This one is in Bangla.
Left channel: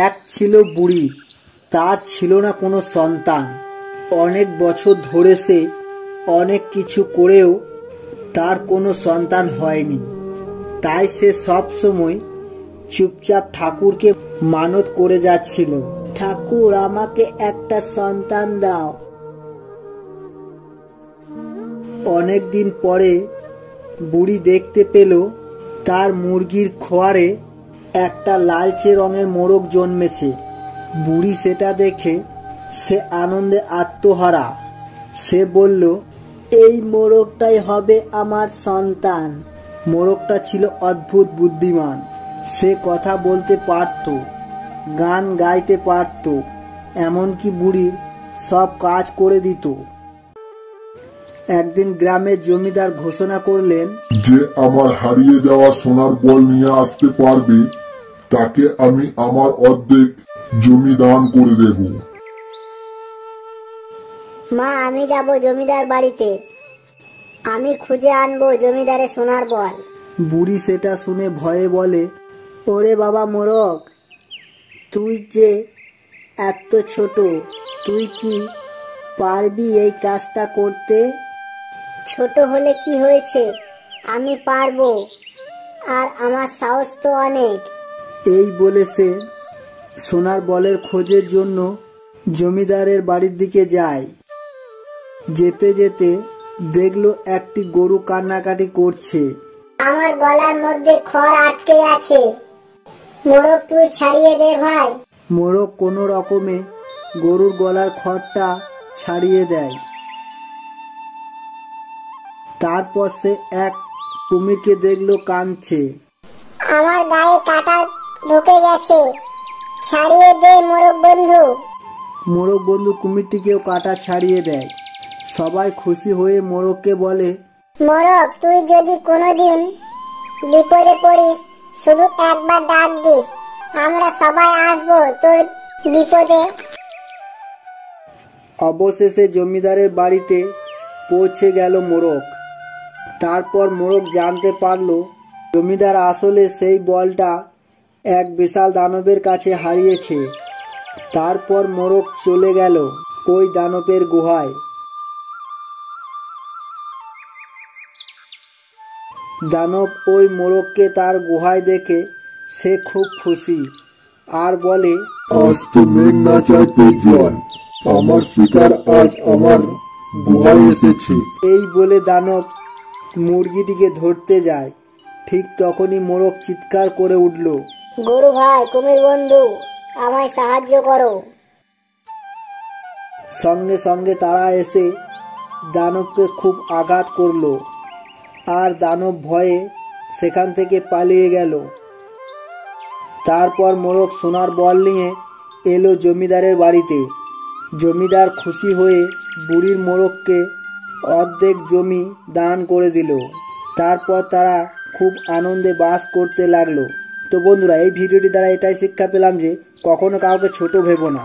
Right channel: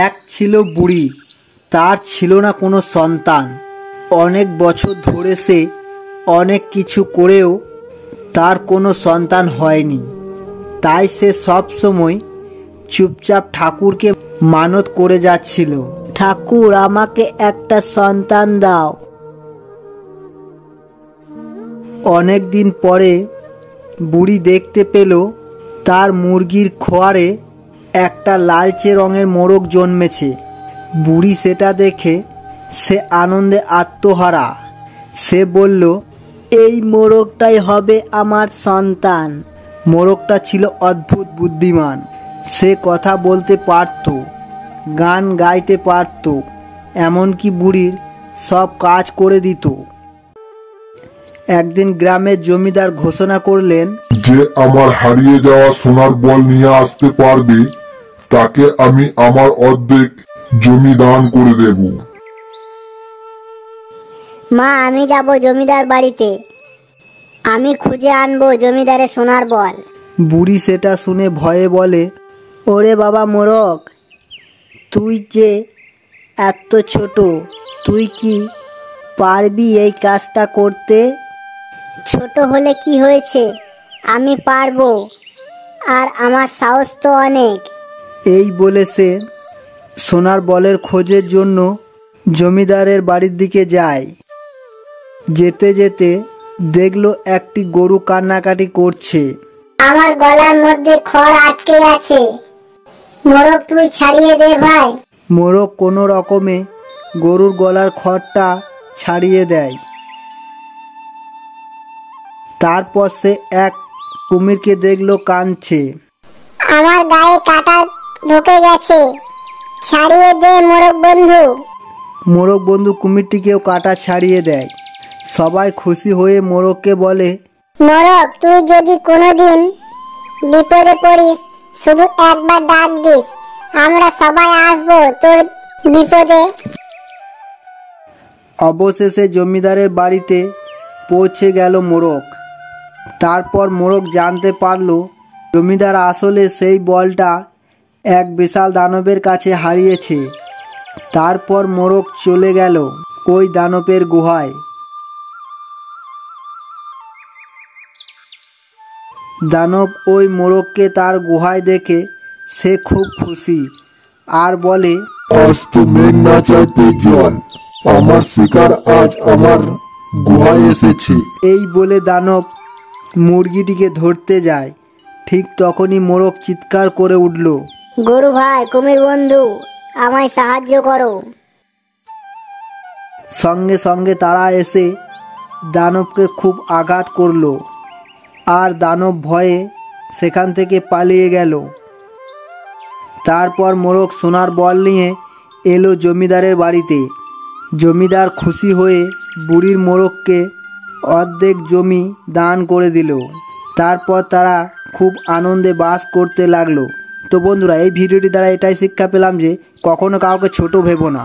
এক ছিল বুড়ি, তার ছিল না কোনো সন্তান। অনেক বছর ধরে সে অনেক কিছু করেও তার কোনো সন্তান হয়নি। তাই সে সব সময় চুপচাপ ঠাকুরকে মানত করে যাচ্ছিল, ঠাকুর আমাকে একটা সন্তান দাও। অনেক দিন পরে বুড়ি দেখতে পেল তার মুরগির খোয়ারে একটা লালচে রঙের মোরগ জন্মেছে। বুড়ি সেটা দেখে সে আনন্দে আত্মহারা। সে বলল, এই মোরগটাই হবে আমার সন্তান। মোরগটা ছিল অদ্ভুত বুদ্ধিমান। সে কথা বলতে পারত, গান গাইতে পারত, এমনকি বুড়ির সব কাজ করে দিত। একদিন গ্রামের জমিদার ঘোষণা করলেন, যে আমার হারিয়ে যাওয়া সোনার বল নিয়ে আসতে পারবে তাকে আমি আমার অর্ধেক জমি দান করে দেব। মা, আমি যাব জমিদার বাড়িতে। আমি খুঁজে আনবো জমিদারের সোনার বল। বুড়ি সেটা শুনে ভয়ে বলে, ওরে বাবা মোরগ, তুই যে এত ছোট, তুই কি পারবি এই কাজটা করতে? ছোট হলে কি হয়েছে, আমি পারবো, আর আমার সাহস তো অনেক। এই বলে সে সোনার বলের খোঁজের জন্য জমিদারের বাড়ির দিকে যায়। যেতে যেতে দেখলো একটি গরু কান্নাকাটি করছে। আমার গলার মধ্যে খড় আটকে আছে, মোরগ তুই ছাড়িয়ে দে ভাই। মোরগ কোনো রকমে গরুর গলার খড়টা ছাড়িয়ে দেয়। তারপর সে এক কুমিরকে দেখলো কাঁদছে। আমার গায়ে কাঁটা ঢুকে গেছে, ছাড়িয়ে দে মোরগ বন্ধু। মোরগ বন্ধু কুমিরটিকেও কাঁটা ছাড়িয়ে দেয়। সবাই খুশি হয়ে মোরগকে বলে, মোরগ, তুই যদি কোনোদিন বিপদে পড়িস শুধু একবার ডাক দিস, আমরা সবাই আসবো তোর বিপদে। অবশেষে জমিদারের বাড়িতে পৌঁছে গেল মোরগ। তারপর মোরগ জানতে পারল জমিদার আসলে সেই বলটা এক বিশাল দানবের কাছে হারিয়েছে। তারপর মোরগ চলে গেল ওই দানবের গুহায়। দানব ওই মোরগকে তার গুহায় দেখে সে খুব খুশি আর বলে, আজ তো মেঘ না চাইতে জল, আমার শিকার আজ আমার গুহায় এসেছে। এই বলে দানব মুরগিটিকে ধরতে যায়। ঠিক তখনই মোরগ চিৎকার করে উঠল, গরু ভাই, কুমির বন্ধু, আমায় সাহায্য করো। সঙ্গে সঙ্গে তারা এসে দানবকে খুব আঘাত করলো আর দানব ভয়ে সেখান থেকে পালিয়ে গেল। তারপর মোরগ সোনার বল নিয়ে এলো জমিদারের বাড়িতে। জমিদার খুশি হয়ে বুড়ির মোরগকে অর্ধেক জমি দান করে দিল। তারপর তারা খুব আনন্দে বাস করতে লাগলো। তো বন্ধুরা, এই ভিডিওটি দ্বারা এটাই শিক্ষা পেলাম যে কখনো কাউকে ছোট ভেবো না।